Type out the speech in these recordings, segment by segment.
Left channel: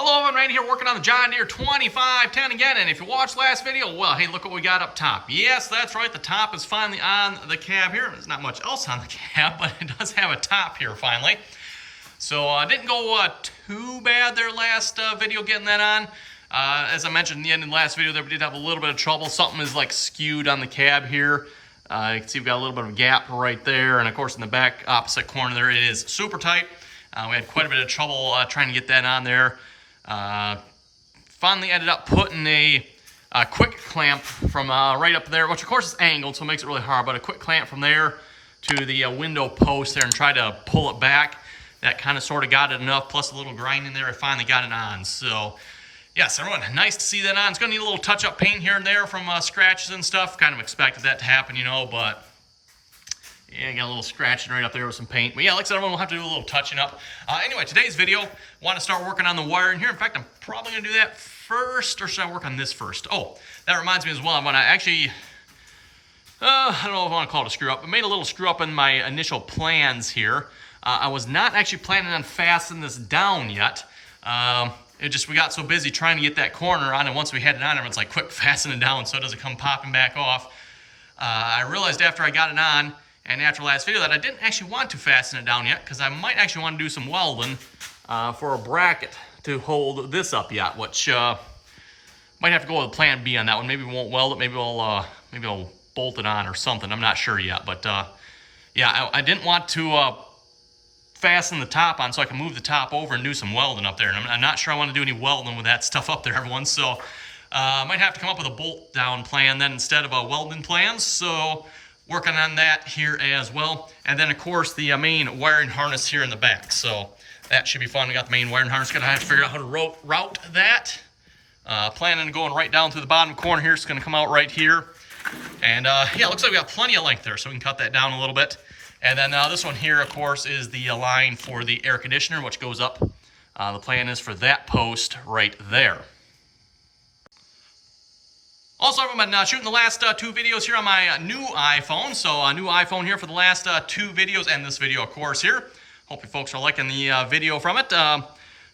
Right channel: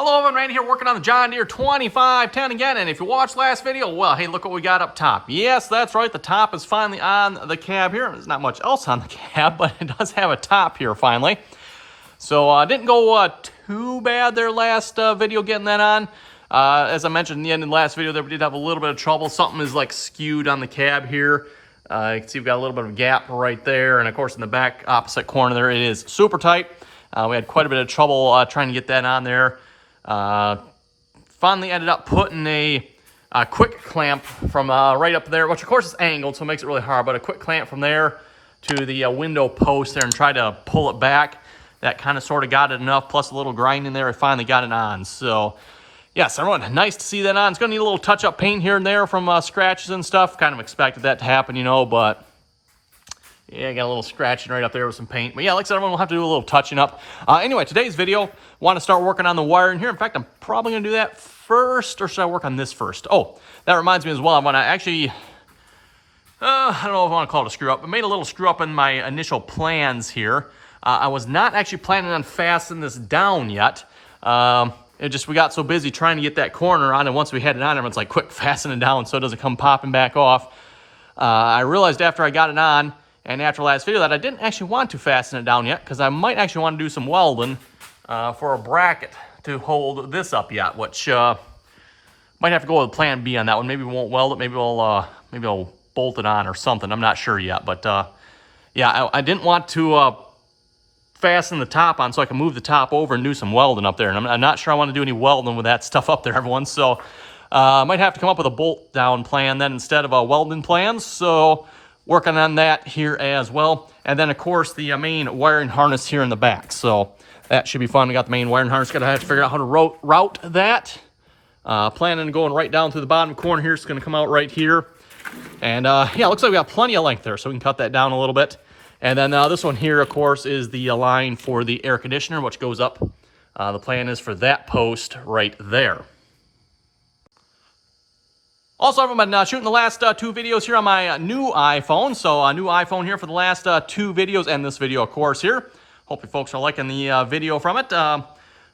Hello, everyone. Randy here working on the John Deere 2510 again. And if you watched last video, well, hey, look what we got up top. Yes, that's right. The top is finally on the cab here. There's not much else on the cab, but it does have a top here finally. So didn't go too bad there last video getting that on. As I mentioned in the end of the last video there, we did have a little bit of trouble. Something is like skewed on the cab here. You can see we've got a little bit of a gap right there. And of course in the back opposite corner there, it is super tight. We had quite a bit of trouble trying to get that on there. Finally ended up putting a quick clamp from right up there, which of course is angled, so it makes it really hard, but a quick clamp from there to the window post there and try to pull it back. That kind of sort of got it enough, plus a little grinding there, I finally got it on. So yes, everyone, nice to see that on. It's going to need a little touch-up paint here and there from scratches and stuff. Kind of expected that to happen, you know, but yeah, got a little scratching right up there with some paint. But yeah, like I said, everyone will have to do a little touching up. Anyway, today's video, want to start working on the wiring here. In fact, I'm probably going to do that first, or should I work on this first? Oh, that reminds me as well. I want to actually, I don't know if I want to call it a screw up, but made a little screw up in my initial plans here. I was not actually planning on fastening this down yet. We got so busy trying to get that corner on, and once we had it on, everyone's like, quick, fasten it down so it doesn't come popping back off. I realized after I got it on, and after last video, that I didn't actually want to fasten it down yet, because I might actually want to do some welding for a bracket to hold this up yet, which might have to go with plan B on that one. Maybe we won't weld it. Maybe I'll bolt it on or something. I'm not sure yet, but yeah, I didn't want to fasten the top on so I can move the top over and do some welding up there. And I'm not sure I want to do any welding with that stuff up there, everyone. So I might have to come up with a bolt down plan then instead of a welding plan. So working on that here as well. And then of course the main wiring harness here in the back. So that should be fun. We got the main wiring harness. Gonna have to figure out how to route that. Planning on going right down through the bottom corner here. It's gonna come out right here. And yeah, looks like we got plenty of length there, so we can cut that down a little bit. And then this one here, of course, is the line for the air conditioner, which goes up. The plan is for that post right there. Also, I've been shooting the last two videos here on my new iPhone. So a new iPhone here for the last two videos, and this video, of course, here. Hope you folks are liking the video from it.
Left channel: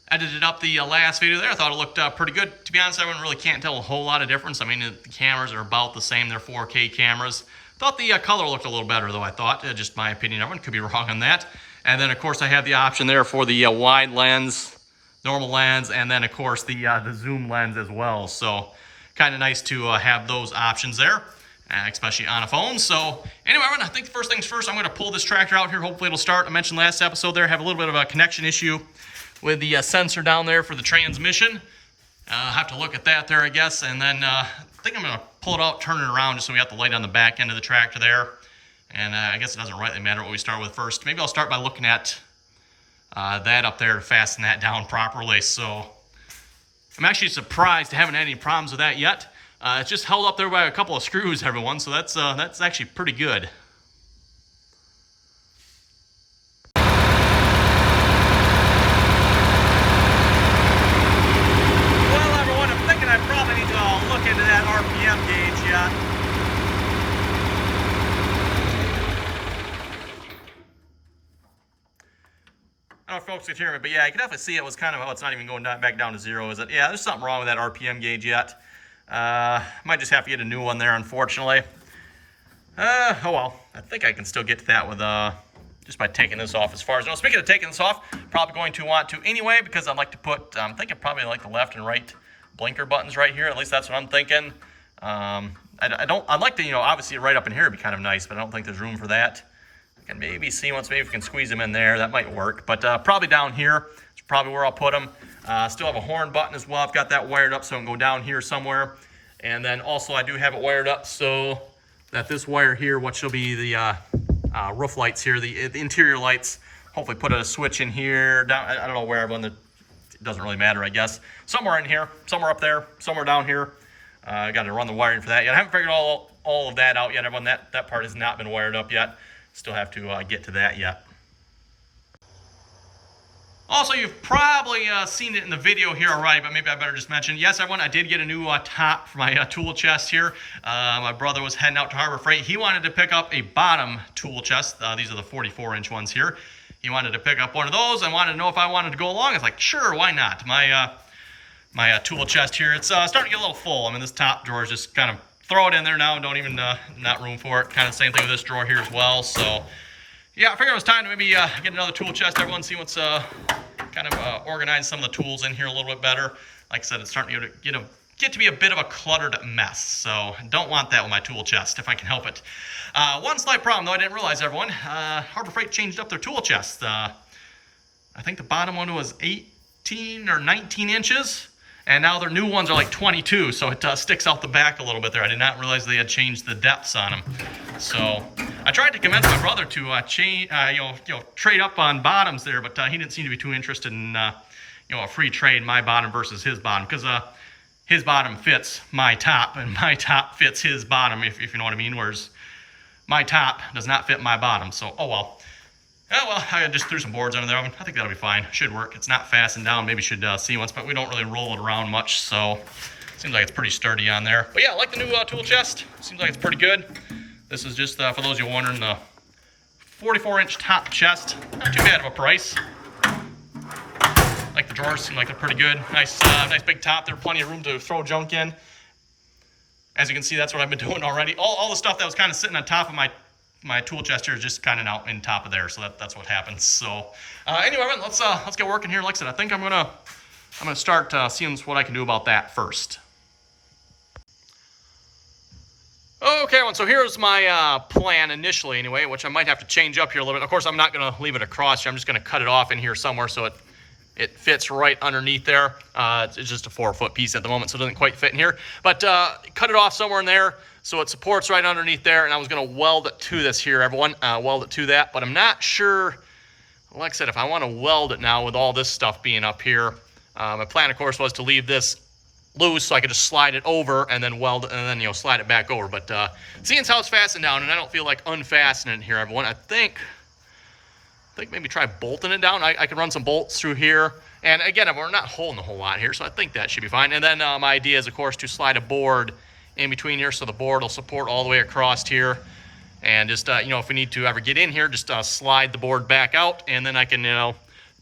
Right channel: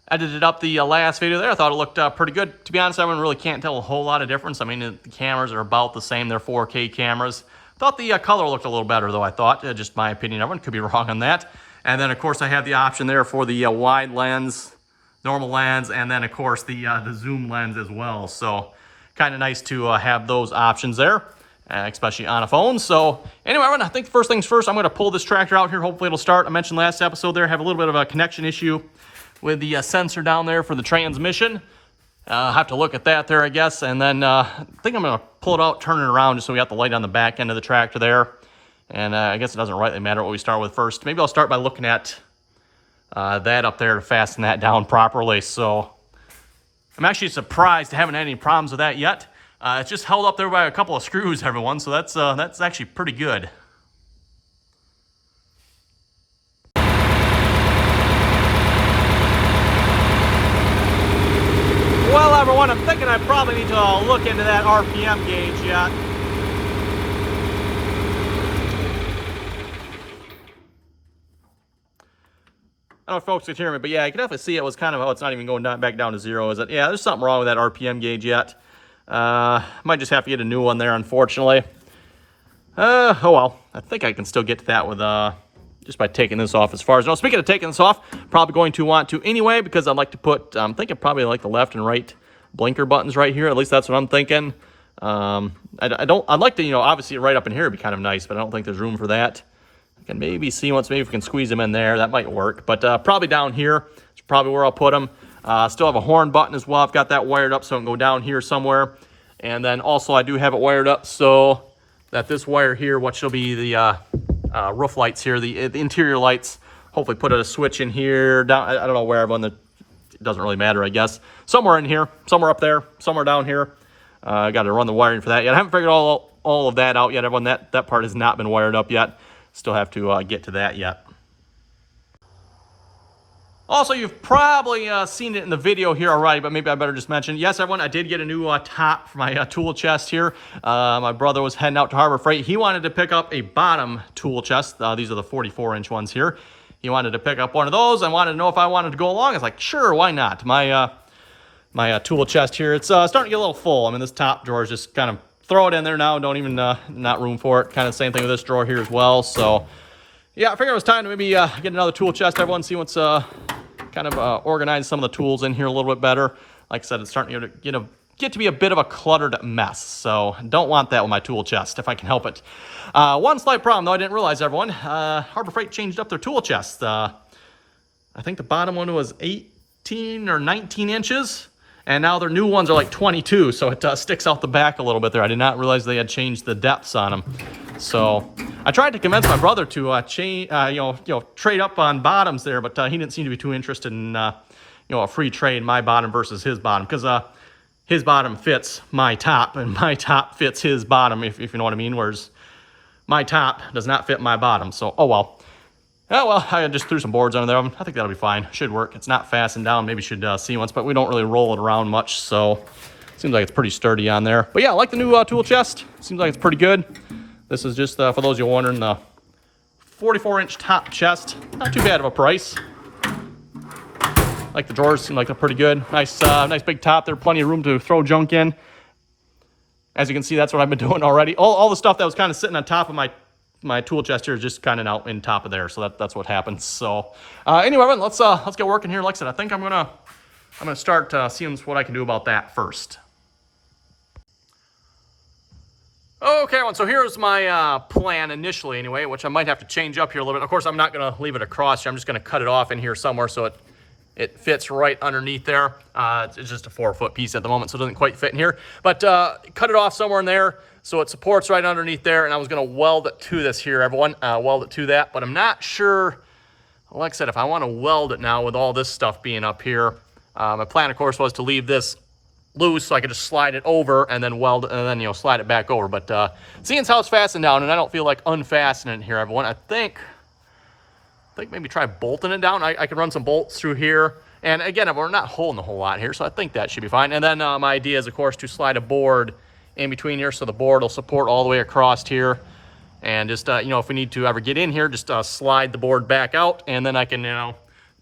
Edited up the last video there. I thought it looked pretty good. To be honest, I really can't tell a whole lot of difference. I mean, the cameras are about the same. They're 4K cameras. Thought the color looked a little better, though, I thought. Just my opinion. Everyone could be wrong on that. And then, of course, I have the option there for the wide lens, normal lens, and then, of course, the zoom lens as well. So kind of nice to have those options there, especially on a phone. So anyway, I think first things first, I'm going to pull this tractor out here. Hopefully it'll start. I mentioned last episode there, have a little bit of a connection issue with the sensor down there for the transmission. Have to look at that there, I guess. And then I think I'm going to pull it out, turn it around, just so we got the light on the back end of the tractor there. And I guess it doesn't rightly matter what we start with first. Maybe I'll start by looking at that up there to fasten that down properly. So I'm actually surprised I haven't had any problems with that yet. It's just held up there by a couple of screws, everyone, so that's actually pretty good. Well, everyone, I'm thinking I probably need to look into that RPM gauge yet. I don't know if folks can hear me, but yeah, you can definitely see it was kind of, oh, it's not even going back down to zero, is it? Yeah, there's something wrong with that RPM gauge yet. Might just have to get a new one there, unfortunately. Oh well, I think I can still get to that with just by taking this off as far as, no, speaking of taking this off, probably going to want to anyway, because I'd like to put, I'm thinking probably like the left and right blinker buttons right here. At least that's what I'm thinking. I'd like to, you know, obviously right up in here would be kind of nice, but I don't think there's room for that. I can maybe see once, maybe if we can squeeze them in there, that might work. But probably down here is probably where I'll put them. Still have a horn button as well. I've got that wired up so I can go down here somewhere. And then also I do have it wired up so that this wire here, what shall be the roof lights here, the interior lights, hopefully put a switch in here, down, I don't know where, everyone, it doesn't really matter, I guess. Somewhere in here, somewhere up there, somewhere down here. I got to run the wiring for that yet. I haven't figured all of that out yet, everyone. That part has not been wired up yet. Still have to get to that yet. Also, you've probably seen it in the video here already, but maybe I better just mention. Yes, everyone, I did get a new top for my tool chest here. My brother was heading out to Harbor Freight. He wanted to pick up a bottom tool chest. These are the 44-inch ones here. He wanted to pick up one of those and wanted to know if I wanted to go along. I was like, sure, why not? My my tool chest here. It's starting to get a little full. I mean, this top drawer is just kind of throw it in there now. Don't even, not room for it. Kind of same thing with this drawer here as well. So, yeah, I figured it was time to maybe get another tool chest, everyone, see what's kind of organize some of the tools in here a little bit better. Like I said, it's starting to get to be a bit of a cluttered mess. So, don't want that with my tool chest if I can help it. One slight problem, though, I didn't realize, everyone. Harbor Freight changed up their tool chest. I think the bottom one was 18 or 19 inches. And now their new ones are like 22, so it sticks out the back a little bit there. I did not realize they had changed the depths on them. So I tried to convince my brother to change, trade up on bottoms there, but he didn't seem to be too interested in, a free trade, my bottom versus his bottom, because his bottom fits my top, and my top fits his bottom, if you know what I mean. Whereas my top does not fit my bottom. So oh well. Oh, well, I just threw some boards under there. I think that'll be fine. Should work. It's not fastened down. Maybe should see once, but we don't really roll it around much, so seems like it's pretty sturdy on there. But yeah, I like the new tool chest. Seems like it's pretty good. This is just, for those of you wondering, the 44-inch top chest. Not too bad of a price. Like the drawers seem like they're pretty good. Nice, nice big top there. Plenty of room to throw junk in. As you can see, that's what I've been doing already. All the stuff that was kind of sitting on top of my tool chest here is just kind of out in top of there, so that's what happens. So anyway, let's get working here. Like I said, I think I'm gonna start seeing what I can do about that first. Okay, everyone, so here's my plan initially anyway, which I might have to change up here a little bit. Of course, I'm not gonna leave it across here. I'm just gonna cut it off in here somewhere so it fits right underneath there. It's just a 4-foot piece at the moment, so it doesn't quite fit in here. But cut it off somewhere in there so it supports right underneath there. And I was going to weld it to this here, everyone. Weld it to that. But I'm not sure, like I said, if I want to weld it now with all this stuff being up here. My plan, of course, was to leave this loose so I could just slide it over and then weld it and then, slide it back over. But seeing as how it's fastened down, and I don't feel like unfastening it here, everyone, I think maybe try bolting it down. I can run some bolts through here. And again, we're not holding a whole lot here, so I think that should be fine. And then my idea is, of course, to slide a board in between here so the board will support all the way across here. And just, if we need to ever get in here, just slide the board back out, and then I can,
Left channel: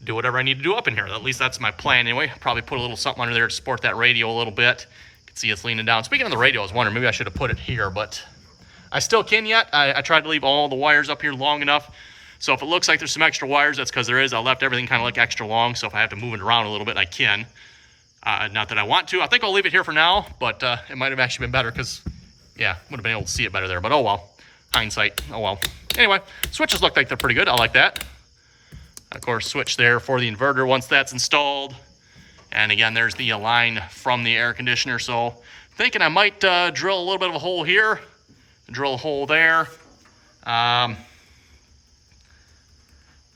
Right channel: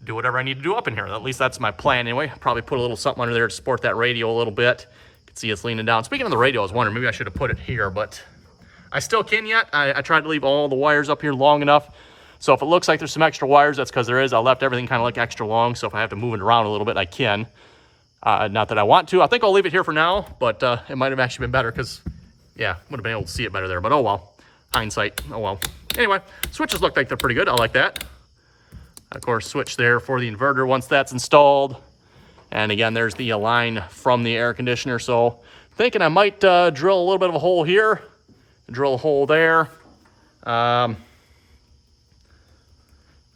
do whatever I need to do up in here. At least that's my plan anyway. Probably put a little something under there to support that radio a little bit. You can see it's leaning down. Speaking of the radio, I was wondering, maybe I should have put it here, but I still can yet. I tried to leave all the wires up here long enough. So if it looks like there's some extra wires, that's because there is. I left everything kind of like extra long, so if I have to move it around a little bit, I can. Not that I want to. I think I'll leave it here for now, but it might have actually been better because, yeah, would have been able to see it better there. But oh well, hindsight, oh well. Anyway, switches look like they're pretty good. I like that. Of course, switch there for the inverter once that's installed. And again, there's the line from the air conditioner. So thinking I might drill a little bit of a hole here, drill a hole there. I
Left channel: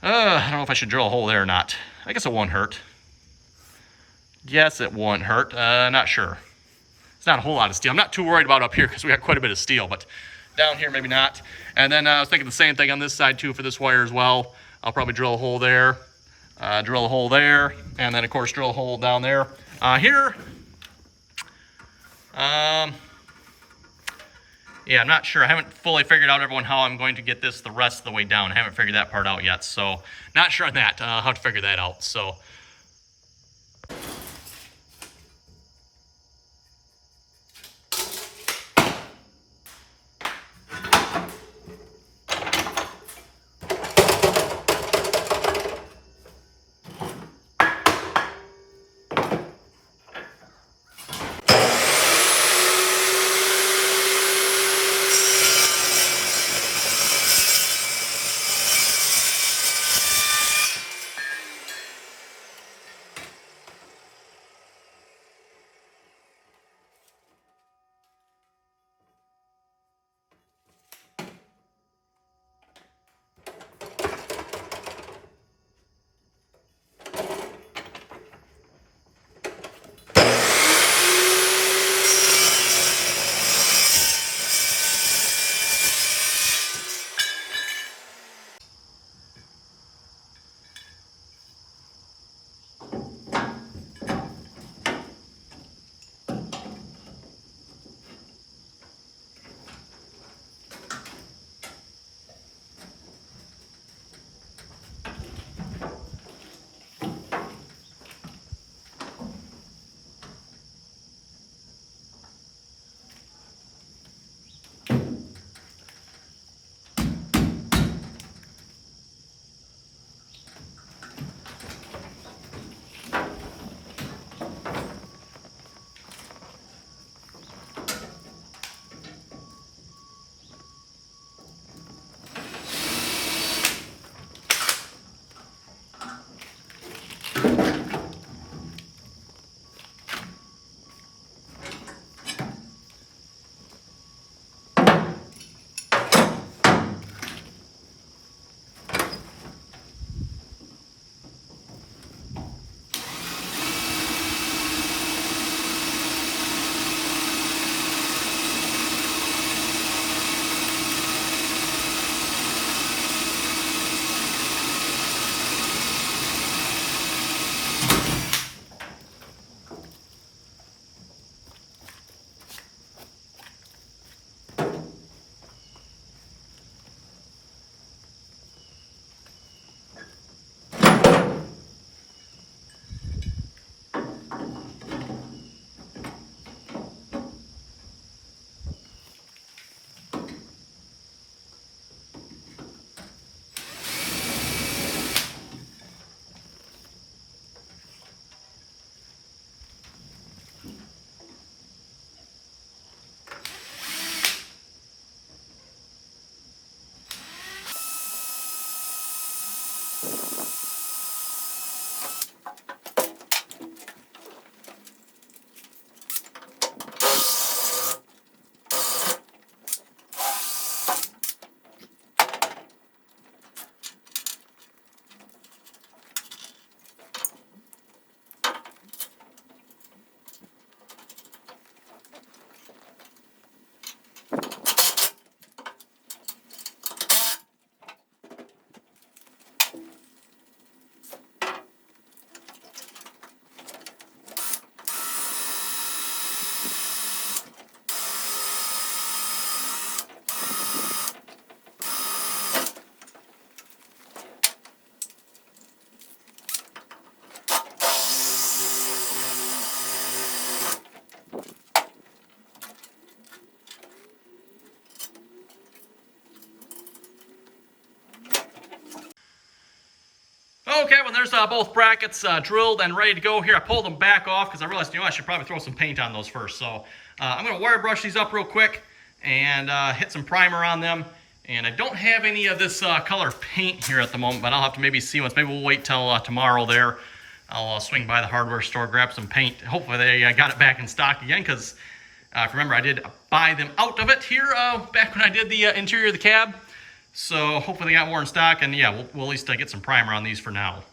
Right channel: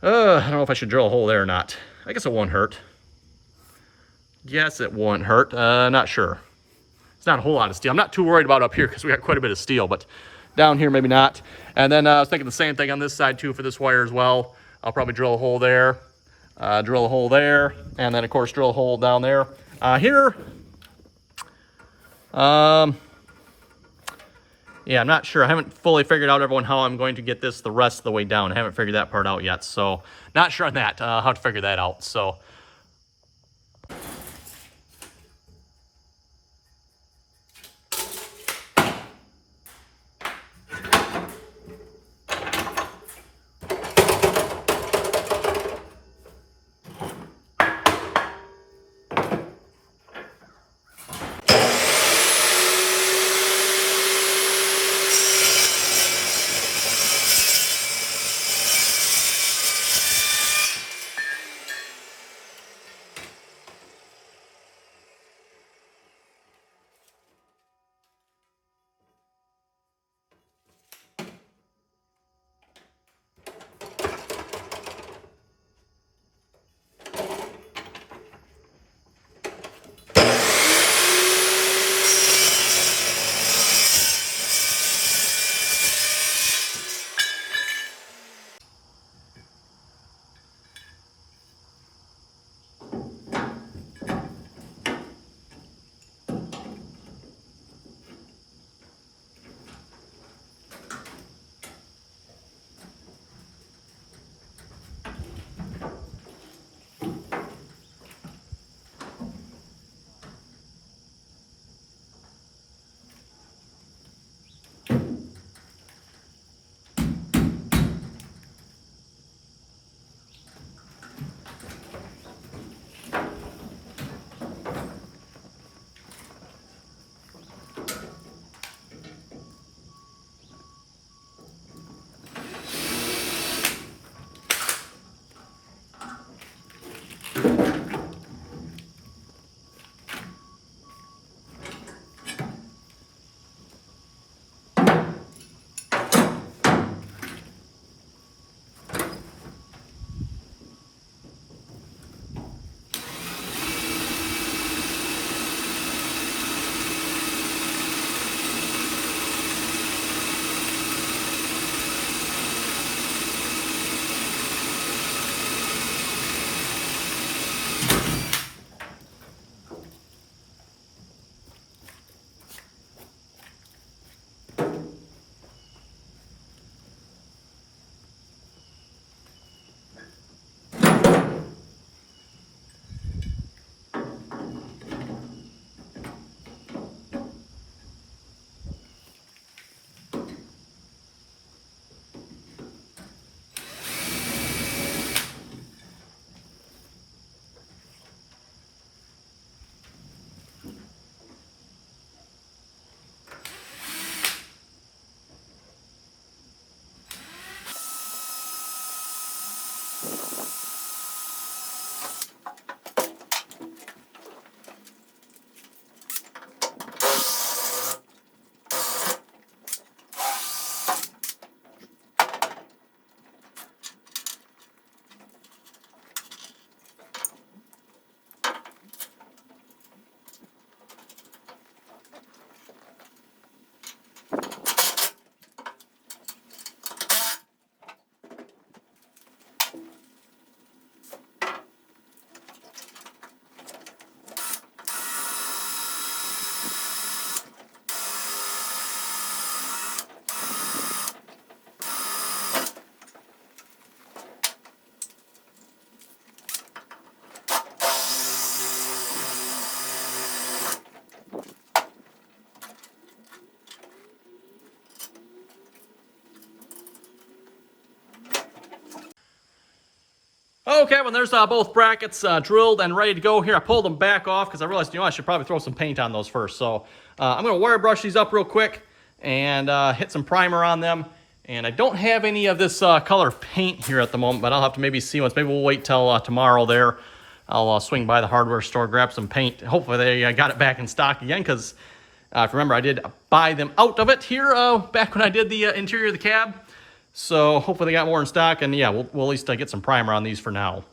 don't know if I should drill a hole there or not. I guess it won't hurt. Yes, it won't hurt. Not sure. It's not a whole lot of steel. I'm not too worried about up here because we got quite a bit of steel, but down here maybe not. And then I was thinking the same thing on this side too for this wire as well. I'll probably drill a hole there, drill a hole there, and then of course drill a hole down there. Here, yeah, I'm not sure. I haven't fully figured out, everyone, how I'm going to get this the rest of the way down. I haven't figured that part out yet, so not sure on that, how to figure that out. So Okay, when there's both brackets drilled and ready to go here, I pulled them back off because I realized, I should probably throw some paint on those first. So I'm going to wire brush these up real quick and hit some primer on them. And I don't have any of this color paint here at the moment, but I'll have to maybe see once. Maybe we'll wait till tomorrow there. I'll swing by the hardware store, grab some paint. Hopefully they got it back in stock again, because if you remember, I did buy them out of it here back when I did the interior of the cab. So hopefully they got more in stock, and yeah, we'll at least get some primer on these for now.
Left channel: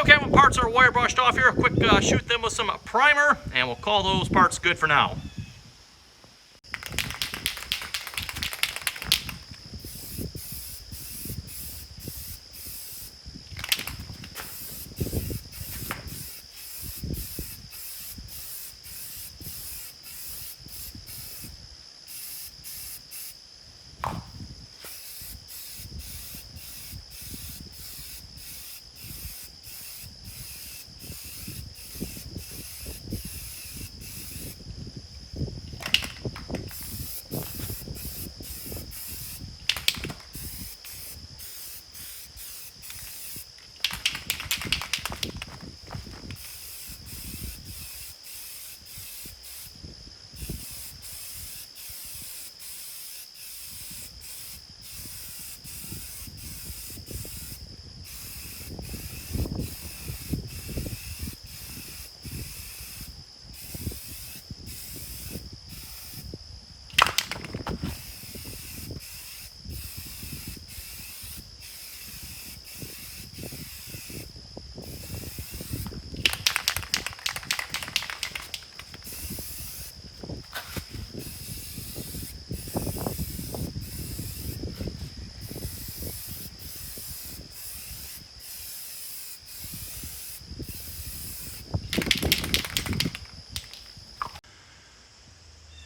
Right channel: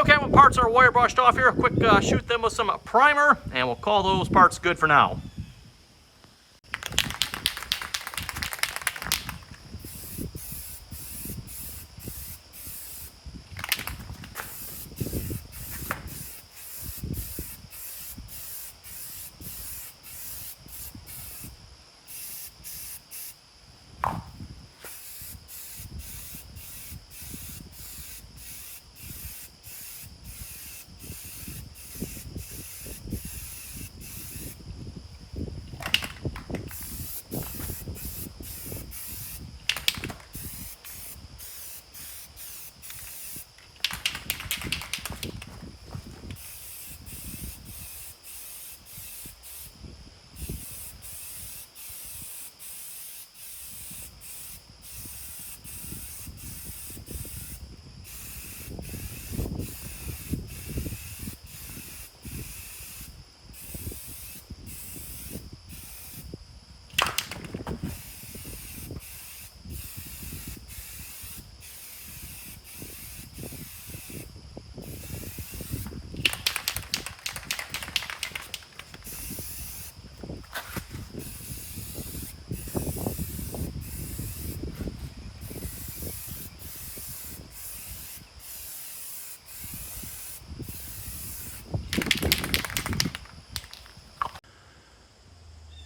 Okay, when parts are wire brushed off here, a quick shoot them with some primer, and we'll call those parts good for now.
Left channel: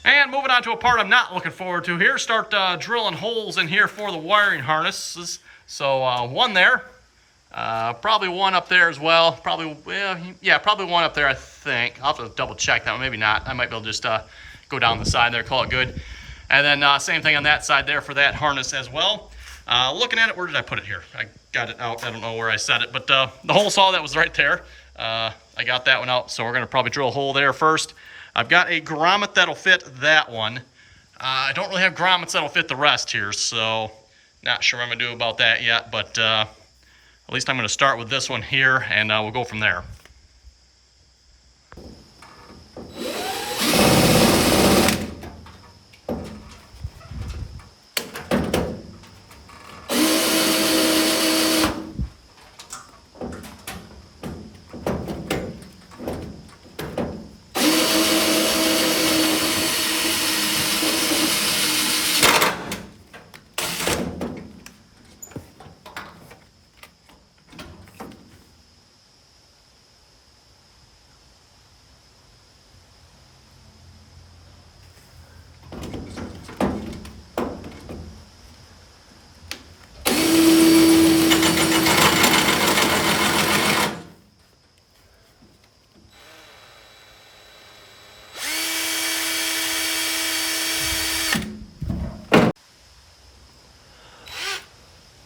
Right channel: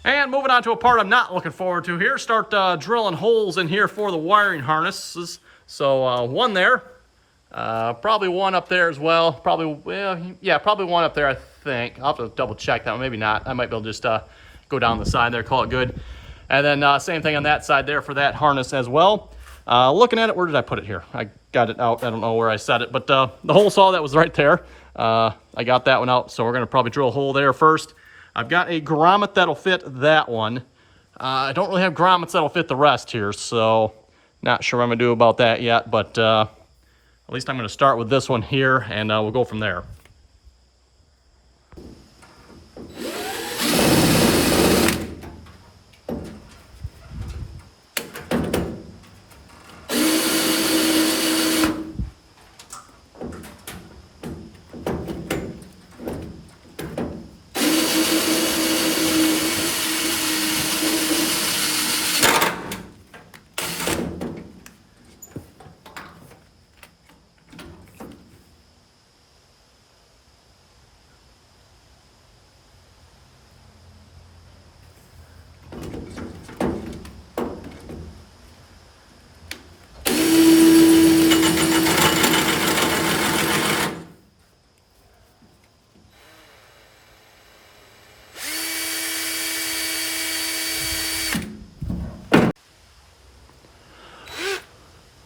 And moving on to a part I'm not looking forward to here, start drilling holes in here for the wiring harnesses. So one there, probably one up there as well. Probably, well, yeah, probably one up there, I think. I'll have to double check that one, maybe not. I might be able to just go down the side there, call it good. And then same thing on that side there for that harness as well. Looking at it, where did I put it here? I got it out, I don't know where I set it, but the hole saw that was right there. I got that one out, so we're gonna probably drill a hole there first. I've got a grommet that'll fit that one. I don't really have grommets that'll fit the rest here, so not sure what I'm gonna do about that yet, but at least I'm gonna start with this one here, and we'll go from there.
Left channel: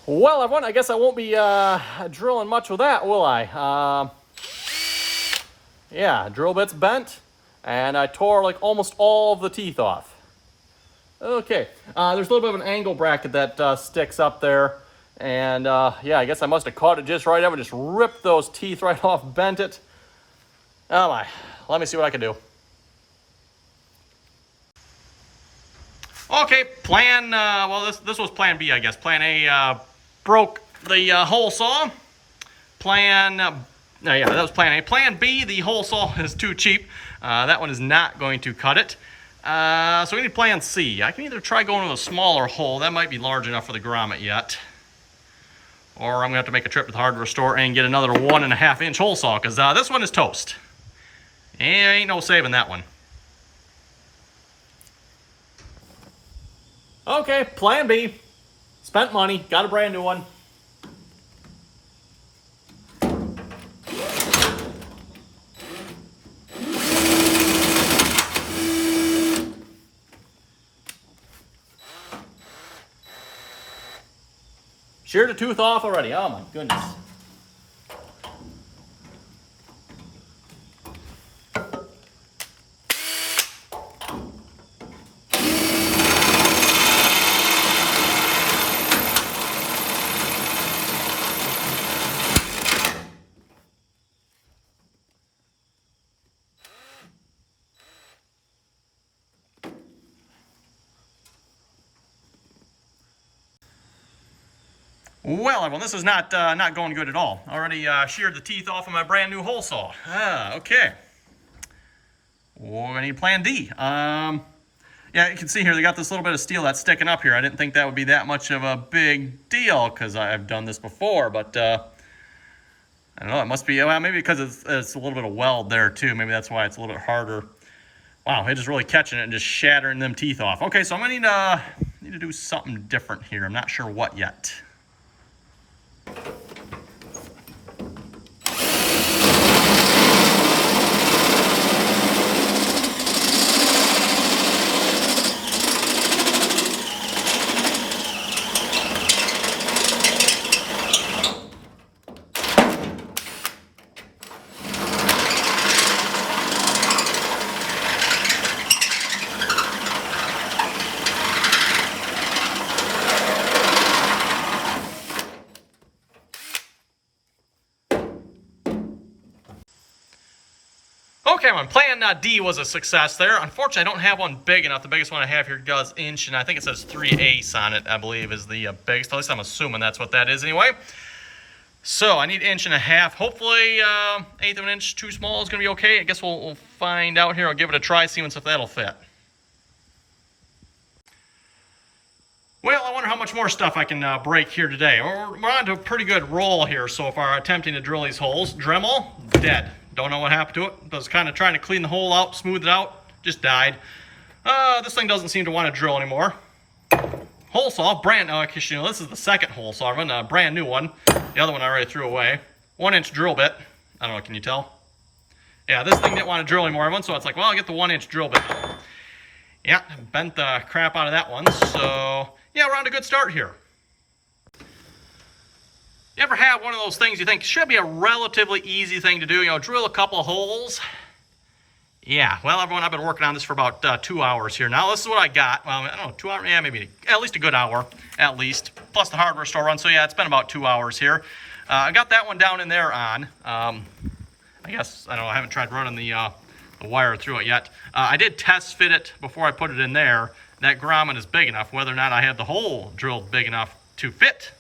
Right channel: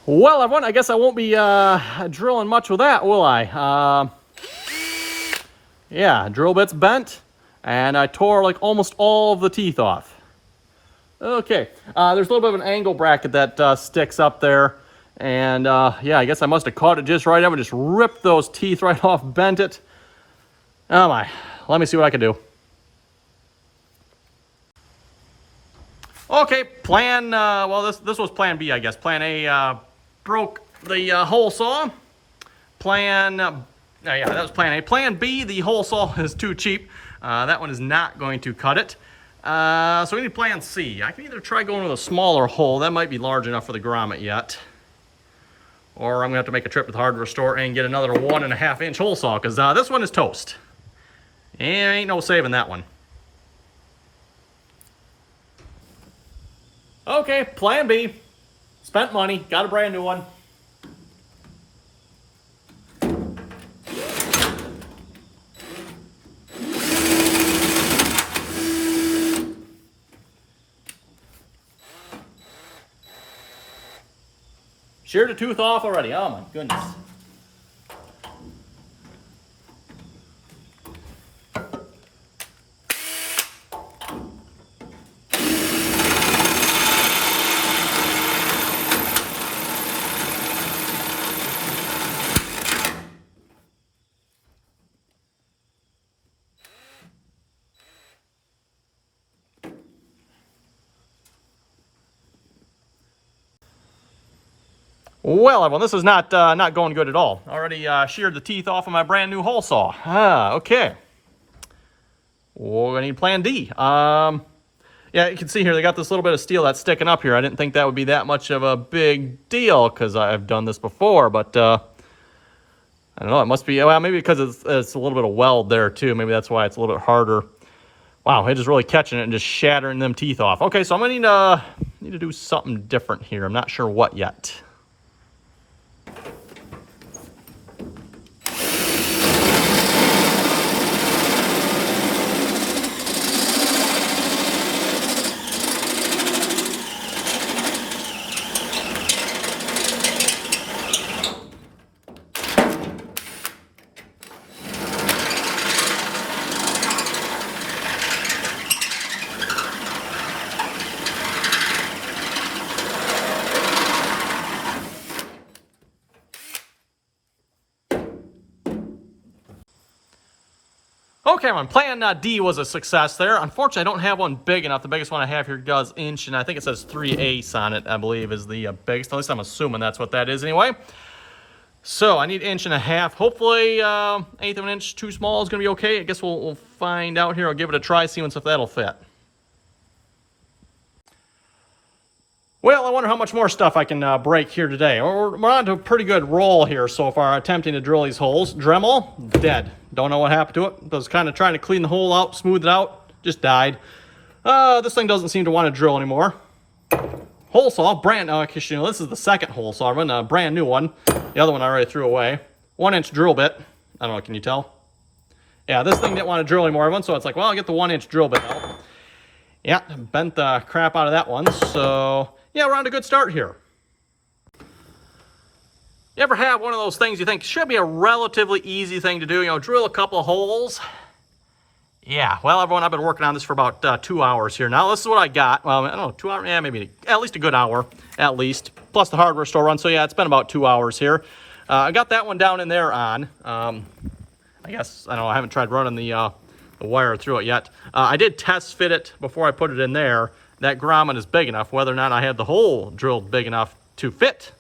Well, I guess I won't be drilling much with that, will I? Yeah, drill bit's bent, and I tore like almost all of the teeth off. Okay, there's a little bit of an angle bracket that sticks up there, and yeah, I guess I must have caught it just right. I'm gonna just rip those teeth right off, bent it. Oh my, let me see what I can do. Okay, plan, well, this was plan B, I guess. Plan A broke the hole saw. Yeah, that was plan A. Plan B, the hole saw is too cheap. That one is not going to cut it. So we need plan C. I can either try going with a smaller hole. That might be large enough for the grommet yet. Or I'm going to have to make a trip to the hardware store and get another 1.5-inch hole saw, because this one is toast. Ain't no saving that one. Okay, plan B. Spent money, got a brand new one. Sheared a tooth off already. Oh my goodness. Well, everyone, this is not going good at all. Already sheared the teeth off of my brand new hole saw. Okay. We're gonna need plan D. Yeah, you can see here, they got this little bit of steel that's sticking up here. I didn't think that would be that much of a big deal because I've done this before, but I don't know, it must be, well, maybe because it's a little bit of weld there too. Maybe that's why it's a little bit harder. Wow, it is really catching it and just shattering them teeth off. Okay, so I'm gonna need to do something different here. I'm not sure what yet. Okay, my plan D was a success there. Unfortunately, I don't have one big enough. The biggest one I have here does inch, and I think it says 3/8 on it, I believe, is the biggest. At least I'm assuming that's what that is anyway. So I need 1.5 inches. Hopefully, 1/8 of an inch too small is going to be okay. I guess we'll find out here. I'll give it a try, see if that'll fit. Well, I wonder how much more stuff I can break here today. We're on to a pretty good roll here so far, attempting to drill these holes. Dremel, dead. Don't know what happened to it. I was kind of trying to clean the hole out, smooth it out, just died. This thing doesn't seem to want to drill anymore. Hole saw, brand new. Actually, this is the second hole saw, a brand new one. The other one I already threw away. 1-inch drill bit. I don't know, can you tell? Yeah, this thing didn't want to drill anymore, everyone, so it's like, well, I'll get the 1-inch drill bit. Yeah, bent the crap out of that one, so yeah, we're on a good start here. You ever have one of those things you think should be a relatively easy thing to do? You know, drill a couple of holes. Yeah, well, everyone, I've been working on this for about 2 hours here now. This is what I got. Well, I don't know, 2 hours? Yeah, maybe at least a good hour, at least. Plus the hardware store run. So yeah, it's been about 2 hours here. I got that one down in there on. I guess, I don't know, I haven't tried running the wire through it yet. I did test fit it before I put it in there. That grommet is big enough. Whether or not I had the hole drilled big enough to fit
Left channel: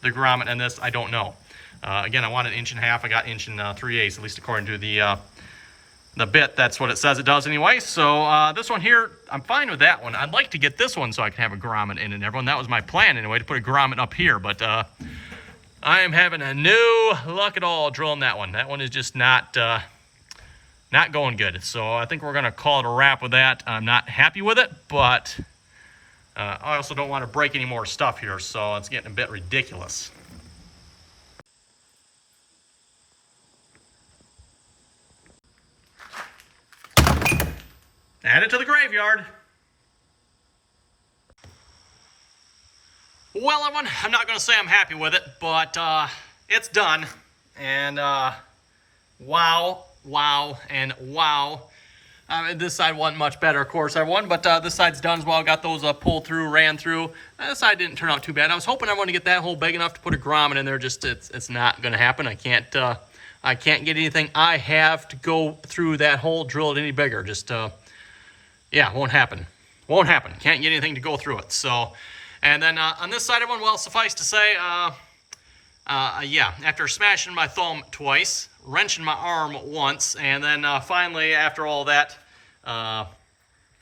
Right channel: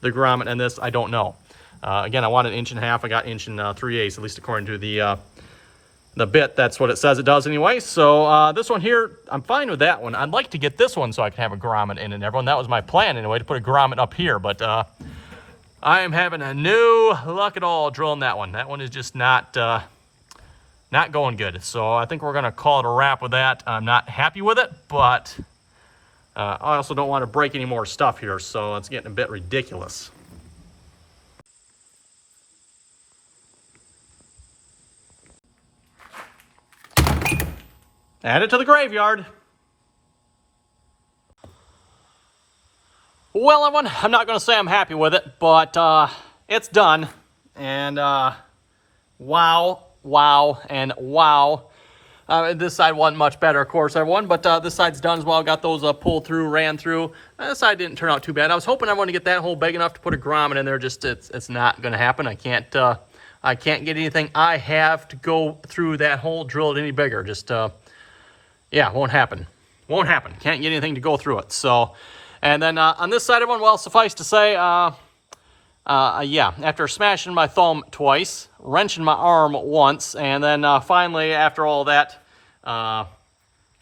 the grommet in this, I don't know. Again, I wanted 1.5 inches. I got 1 3/8, at least according to the bit. That's what it says it does anyway. So this one here, I'm fine with that one. I'd like to get this one so I can have a grommet in it, everyone. That was my plan anyway, to put a grommet up here. But I am having no luck at all drilling that one. That one is just not going good. So I think we're going to call it a wrap with that. I'm not happy with it, but I also don't want to break any more stuff here, so it's getting a bit ridiculous. Add it to the graveyard. Well, everyone, I'm not going to say I'm happy with it, but it's done. And wow, and wow. This side wasn't much better, of course, everyone, but this side's done as well. Got those pulled through, ran through. This side didn't turn out too bad. I was hoping everyone to get that hole big enough to put a grommet in there. Just it's not going to happen. I can't get anything I have to go through that hole, drill it any bigger. Just yeah, won't happen. Won't happen. Can't get anything to go through it. So, and then on this side, everyone, well, suffice to say, yeah, after smashing my thumb twice, wrenching my arm once, and then finally, after all that,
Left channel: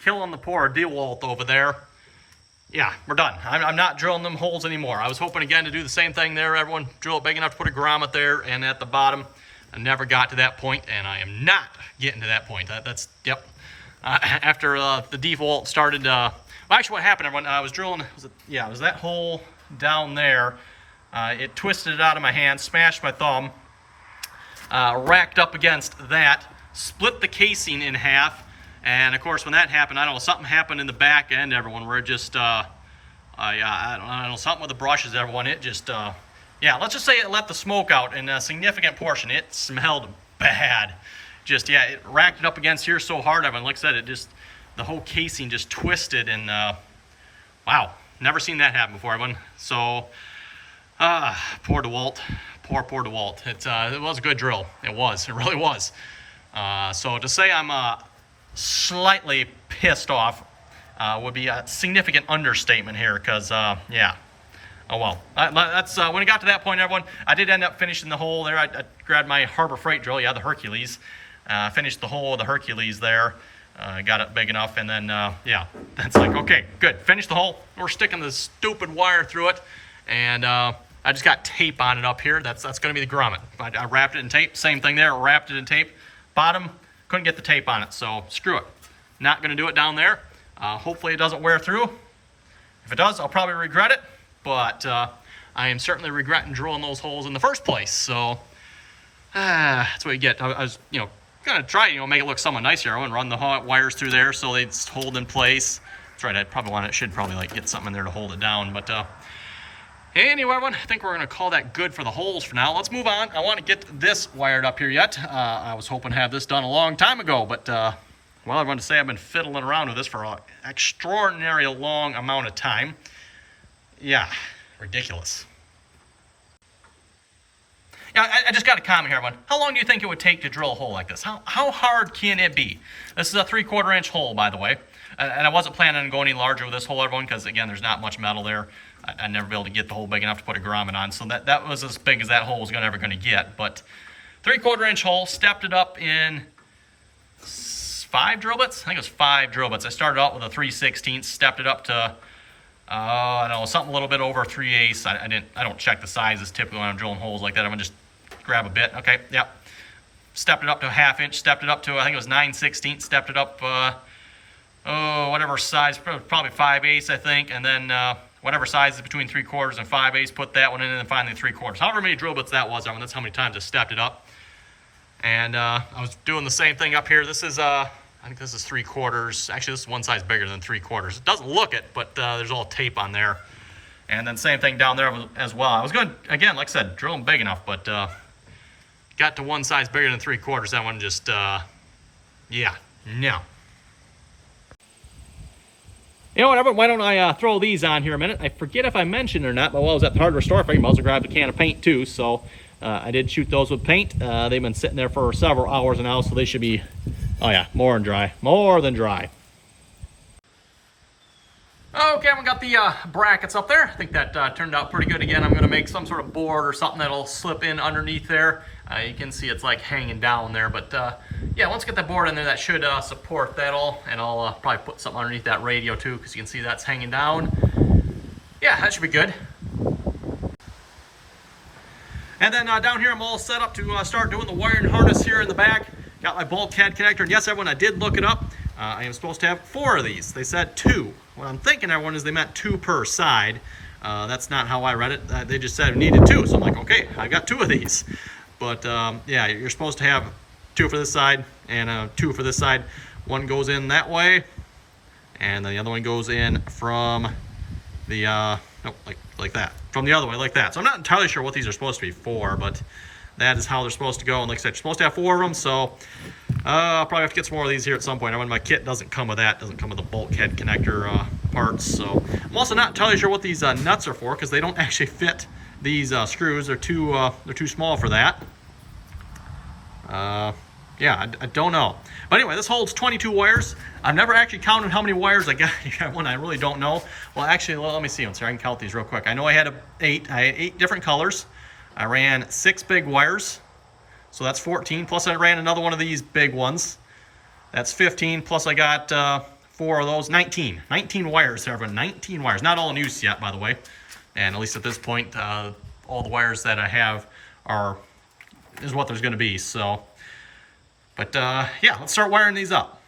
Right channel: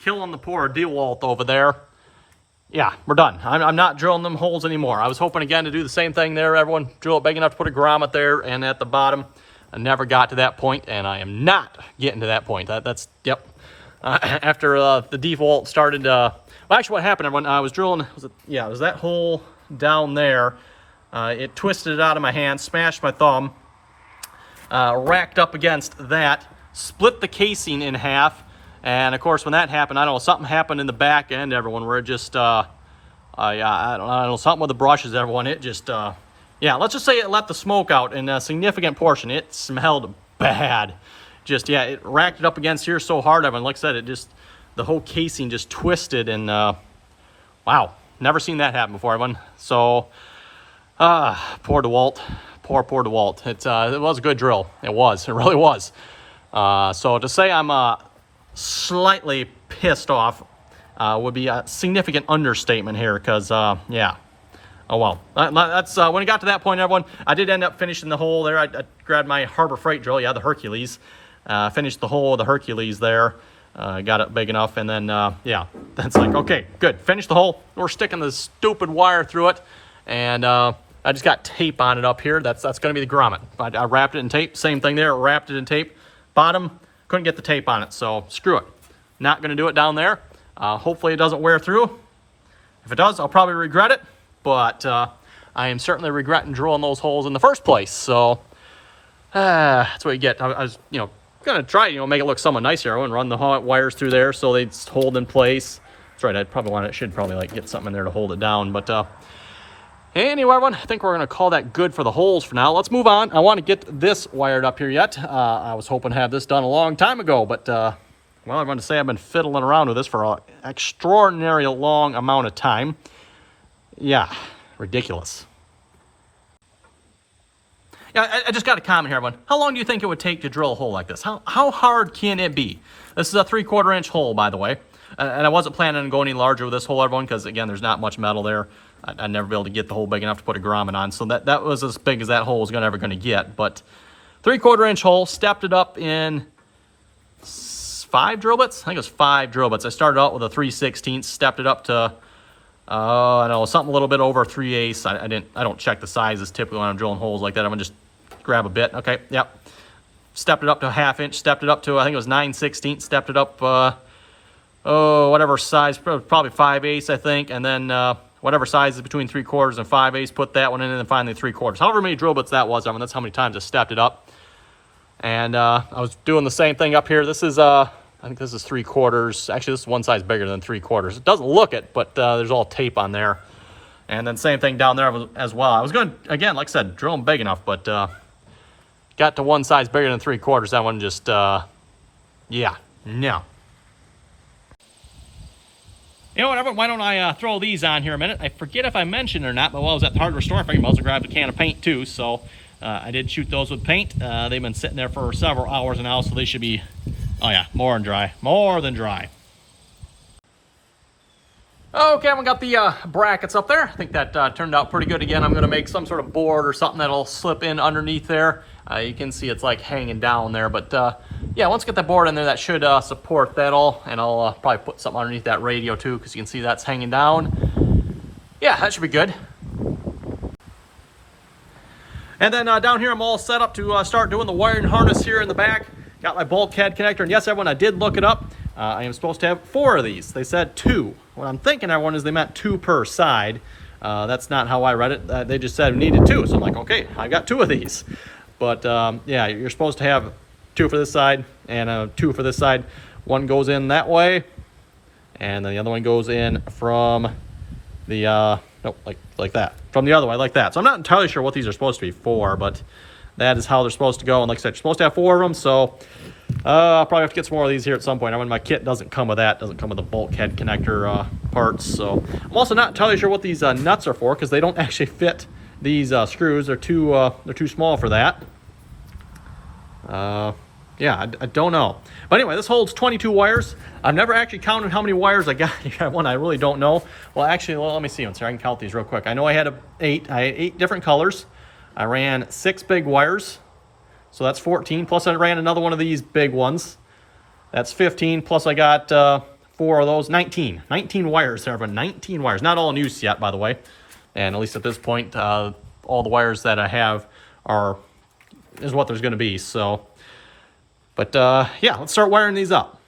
killing the poor DeWalt over there, yeah, we're done. I'm not drilling them holes anymore. I was hoping again to do the same thing there, everyone. Drill it big enough to put a grommet there and at the bottom. I never got to that point, and I am not getting to that point. That's yep. After the DeWalt started, well, actually what happened, everyone, I was drilling, it was that hole down there. It twisted it out of my hand, smashed my thumb, racked up against that, split the casing in half, and of course when that happened, I don't know, something happened in the back end, everyone, where it just Yeah, I don't know, something with the brushes, everyone. It just, yeah, let's just say it let the smoke out in a significant portion. It smelled bad. Just, yeah, it racked it up against here so hard, everyone. Like I said, it just, the whole casing just twisted, and wow, never seen that happen before, everyone. So, poor DeWalt. Poor DeWalt. It was a good drill. It was. It really was. So to say I'm slightly pissed off would be a significant understatement here, because, yeah. Oh, well. That's when it got to that point, everyone, I did end up finishing the hole there. I grabbed my Harbor Freight drill, yeah, the Hercules. Finished the hole of the Hercules there. Got it big enough, and then, yeah, that's like, okay, good. Finish the hole. We're sticking the stupid wire through it, and I just got tape on it up here. That's going to be the grommet. I wrapped it in tape. Same thing there. Wrapped it in tape. Bottom, couldn't get the tape on it, so screw it. Not going to do it down there. Hopefully it doesn't wear through. If it does, I'll probably regret it, but I am certainly regretting drilling those holes in the first place. So that's what you get. I was, going to try, make it look somewhat nice here and run the wires through there so they hold in place. That's right. I'd probably should like get something in there to hold it down, but anyway, everyone, I think we're going to call that good for the holes for now. Let's move on. I want to get this wired up here yet. I was hoping to have this done a long time ago, but, well, I want to say I've been fiddling around with this for an extraordinary long amount of time. Yeah, ridiculous. Yeah, I just got a comment here, everyone. How long do you think it would take to drill a hole like this? How hard can it be? This is a 3/4 inch hole, by the way. And I wasn't planning on going any larger with this hole, everyone, because, again, there's not much metal there. I'd never be able to get the hole big enough to put a grommet on. So that was as big as that hole was ever going to get. But 3/4 inch hole, stepped it up in 5 drill bits. I think it was 5 drill bits. I started out with a 3/16, stepped it up to, I don't know, something a little bit over 3/8. I don't check the sizes typically when I'm drilling holes like that. I'm going to just grab a bit. Okay, yep. Stepped it up to a 1/2 inch, stepped it up to, I think it was 9/16, stepped it up, whatever size, probably 5/8, I think, and then whatever size is between 3/4 and 5/8, put that one in, and then finally 3/4. However many drill bits that was, I mean, that's how many times I stepped it up. And I was doing the same thing up here. This is, I think this is 3/4. Actually, this is one size bigger than 3/4. It doesn't look it, but there's all tape on there. And then same thing down there as well. I was going to, again, like I said, drill them big enough, but got to one size bigger than 3/4. That one just, yeah, no. You know what, why don't I throw these on here a minute? I forget if I mentioned or not, but while I was at the hardware store, I figured I also grabbed a can of paint too. So I did shoot those with paint. They've been sitting there for several hours now, so they should be, oh yeah, more than dry. More than dry. Okay, I got the brackets up there. I think that turned out pretty good. Again, I'm going to make some sort of board or something that'll slip in underneath there. You can see it's like hanging down there, but yeah, once I get that board in there, that should support that all, and I'll probably put something underneath that radio too, because you can see that's hanging down. Yeah, that should be good. And then down here, I'm all set up to start doing the wiring harness here in the back. Got my bulkhead connector, and yes, everyone, I did look it up. I am supposed to have 4 of these. They said 2. What I'm thinking, everyone, is they meant 2 per side. That's not how I read it. They just said we needed 2. So I'm like, okay, I got 2 of these. But yeah, you're supposed to have 2 for this side and 2 for this side. One goes in that way, and then the other one goes in from the, no, like that. From the other way, like that. So I'm not entirely sure what these are supposed to be for, but that is how they're supposed to go. And like I said, you're supposed to have 4 of them, so I'll probably have to get some more of these here at some point. I mean, my kit doesn't come with that. Doesn't come with the bulkhead connector parts. So I'm also not entirely sure what these nuts are for, because they don't actually fit these screws. They're too small for that. Yeah, I don't know. But anyway, this holds 22 wires. I've never actually counted how many wires I got. One, I really don't know. Well, actually, let me see. So I can count these real quick. I know I had 8. I had 8 different colors. I ran 6 big wires. So that's 14. Plus I ran another one of these big ones. That's 15. Plus I got 4 of those. 19. 19 wires there, everyone. 19 wires. Not all in use yet, by the way. And at least at this point, all the wires that I have is what there's going to be. So, but yeah, let's start wiring these up.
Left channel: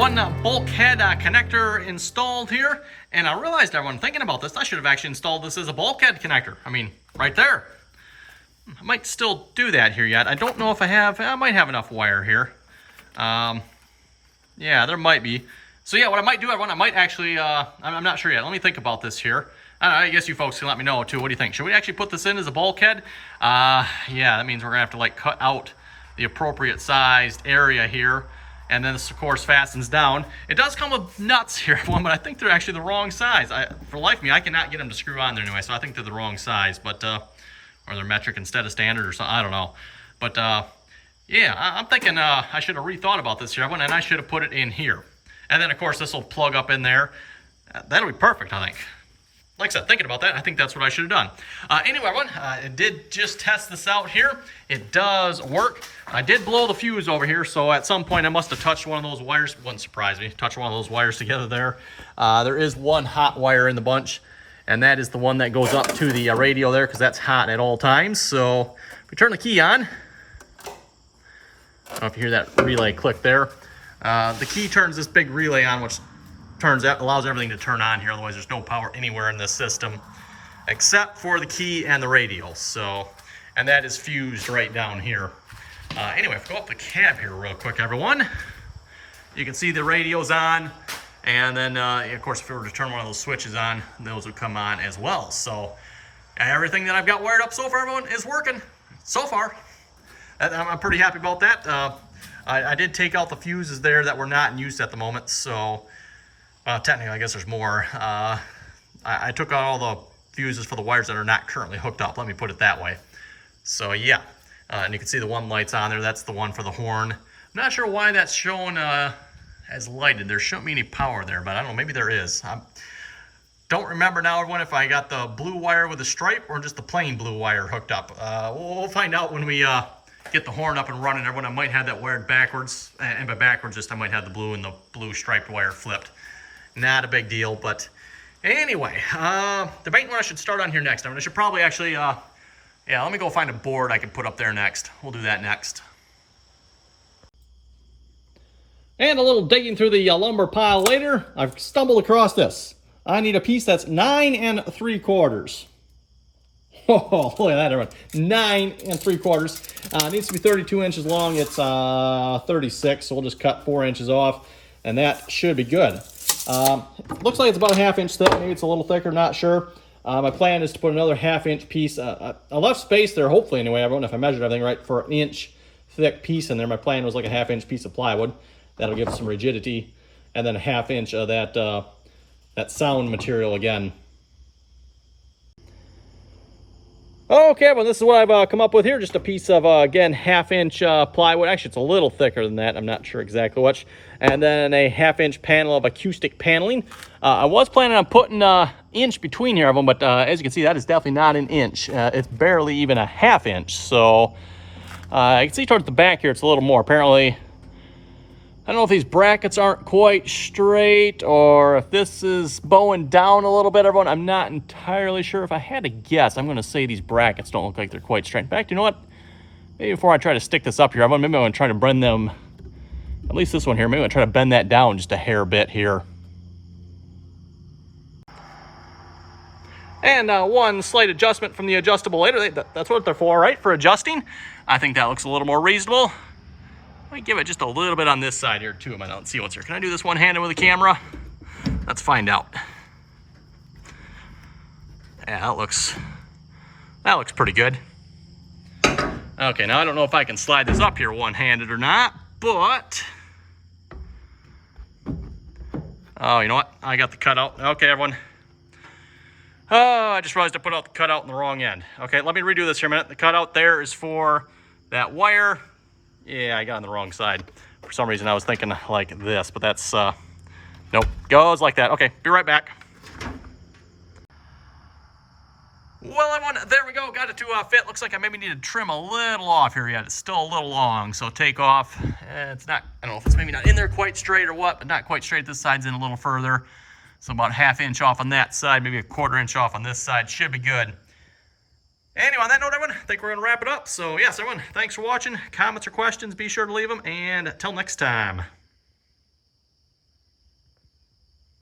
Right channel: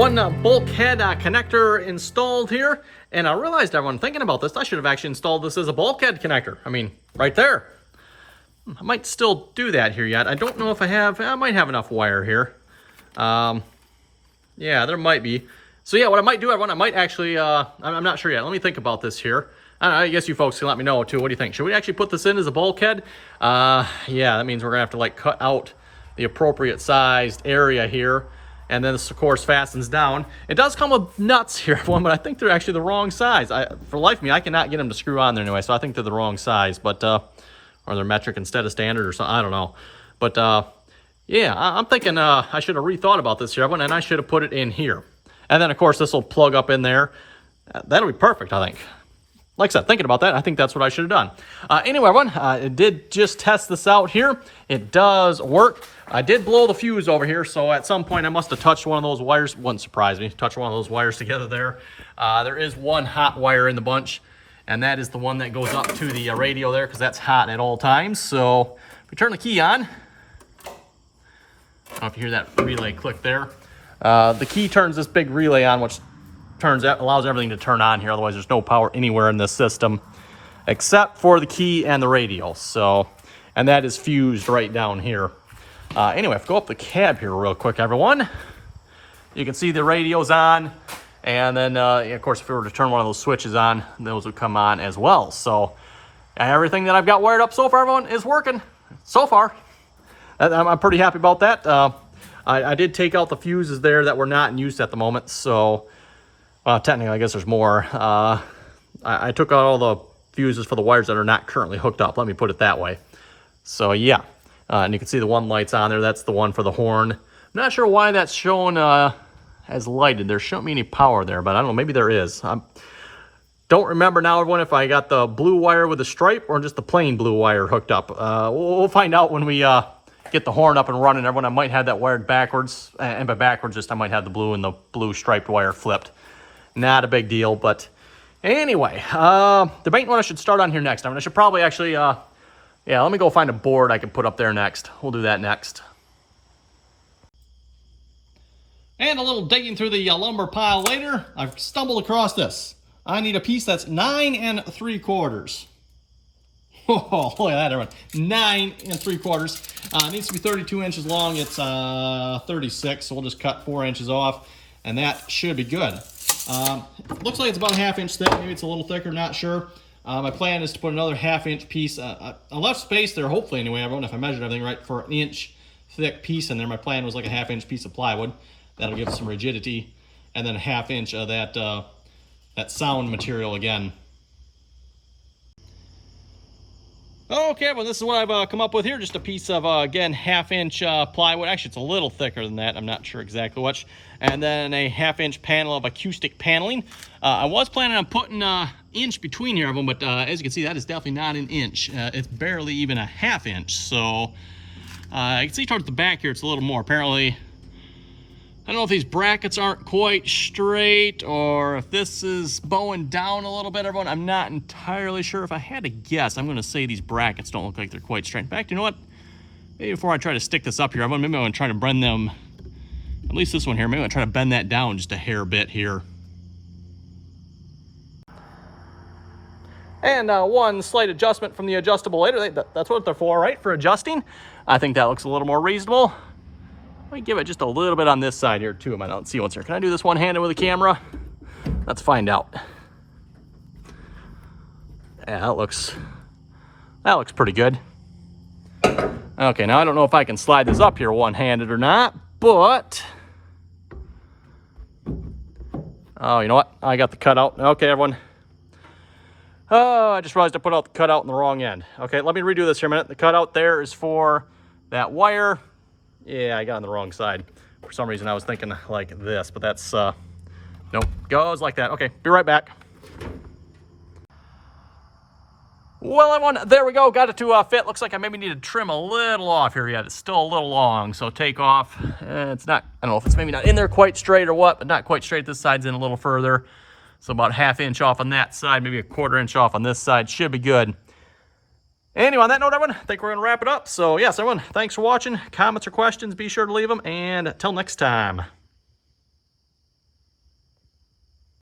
one bulkhead connector installed here, and I realized, everyone, thinking about this, I should have actually installed this as a bulkhead connector. I mean, right there. I might still do that here yet. I don't know if I have. I might have enough wire here. Yeah, there might be. So yeah, what I might do, everyone, I might actually, I'm not sure yet. Let me think about this here. I guess you folks can let me know too. What do you think? Should we actually put this in as a bulkhead? Yeah, that means we're gonna have to like cut out the appropriate sized area here. And then this, of course, fastens down. It does come with nuts here, everyone, but I think they're actually the wrong size. For life of me, I cannot get them to screw on there anyway, so I think they're the wrong size. But, or they're metric instead of standard or something, I don't know. But, yeah, I'm thinking I should have rethought about this here, everyone, and I should have put it in here. And then, of course, this will plug up in there. That'll be perfect, I think. Like I said, thinking about that, I think that's what I should have done. Anyway, everyone, I did just test this out here. It does work. I did blow the fuse over here, so at some point I must have touched one of those wires. Wouldn't surprise me. Touched one of those wires together there. There is one hot wire in the bunch, and that is the one that goes up to the radio there, because that's hot at all times. So if we turn the key on, I don't know if you hear that relay click there. The key turns this big relay on, which allows everything to turn on here. Otherwise, there's no power anywhere in this system except for the key and the radio. So, and that is fused right down here. Anyway, if we go up the cab here real quick, everyone, you can see the radio's on. And then, of course, if we were to turn one of those switches on, those would come on as well. So everything that I've got wired up so far, everyone, is working so far. I'm pretty happy about that. I did take out the fuses there that were not in use at the moment. So, technically, I guess there's more. I took out all the fuses for the wires that are not currently hooked up. Let me put it that way. So, yeah. And you can see the one light's on there. That's the one for the horn. I'm not sure why that's shown as lighted. There shouldn't be any power there, but I don't know. Maybe there is. I don't remember now, everyone, if I got the blue wire with the stripe or just the plain blue wire hooked up. We'll find out when we get the horn up and running. Everyone, I might have that wired backwards. And by backwards, just I might have the blue and the blue striped wire flipped. Not a big deal, but anyway, debating what I should start on here next. I mean, I should probably actually, yeah, let me go find a board I can put up there next. We'll do that next. And a little digging through the lumber pile later, I've stumbled across this. I need a piece that's 9 3/4. Oh, look at that, everyone. 9 3/4. It needs to be 32 inches long. It's 36, so we'll just cut 4 inches off, and that should be good. Looks like it's about a 1/2 inch thick. Maybe it's a little thicker, not sure. My plan is to put another 1/2 inch piece. I left space there, hopefully anyway. I don't know if I measured everything right, for an inch thick piece in there. My plan was like a 1/2 inch piece of plywood. That'll give it some rigidity. And then a 1/2 inch of that sound material again. Okay, well, this is what I've come up with here. Just a piece of, again, 1/2 inch plywood. Actually, it's a little thicker than that. I'm not sure exactly which. And then a 1/2 inch panel of acoustic paneling. I was planning on putting an inch between here of them, but as you can see, that is definitely not an inch. It's barely even a 1/2 inch. So I can see towards the back here, it's a little more. Apparently, I don't know if these brackets aren't quite straight or if this is bowing down a little bit, everyone. I'm not entirely sure. If I had to guess, I'm going to say these brackets don't look like they're quite straight. In fact, you know what? Maybe before I try to stick this up here, maybe I'm going to try to bend them, at least this one here. Maybe I'm going to try to bend that down just a hair bit here. And one slight adjustment from the adjustable later. That's what they're for, right? For adjusting. I think that looks a little more reasonable. Let me give it just a little bit on this side here too. I don't see what's here. Can I do this one-handed with a camera? Let's find out. Yeah, that looks pretty good. Okay, now I don't know if I can slide this up here one-handed or not, but oh, you know what? I got the cutout. Okay, everyone. Oh, I just realized I put out the cutout in the wrong end. Okay, let me redo this here a minute. The cutout there is for that wire. Yeah, I got on the wrong side. For some reason, I was thinking like this, but that's, nope, goes like that. Okay, be right back. Well, everyone, there we go. Got it to fit. Looks like I maybe need to trim a little off here yet. It's still a little long, so take off. It's not, I don't know if it's maybe not in there quite straight or what, but not quite straight. This side's in a little further. So about 1/2 inch off on that side, maybe a 1/4 inch off on this side. Should be good. Anyway, on that note, everyone, I think we're going to wrap it up. So, yes, everyone, thanks for watching. Comments or questions, be sure to leave them. And until next time.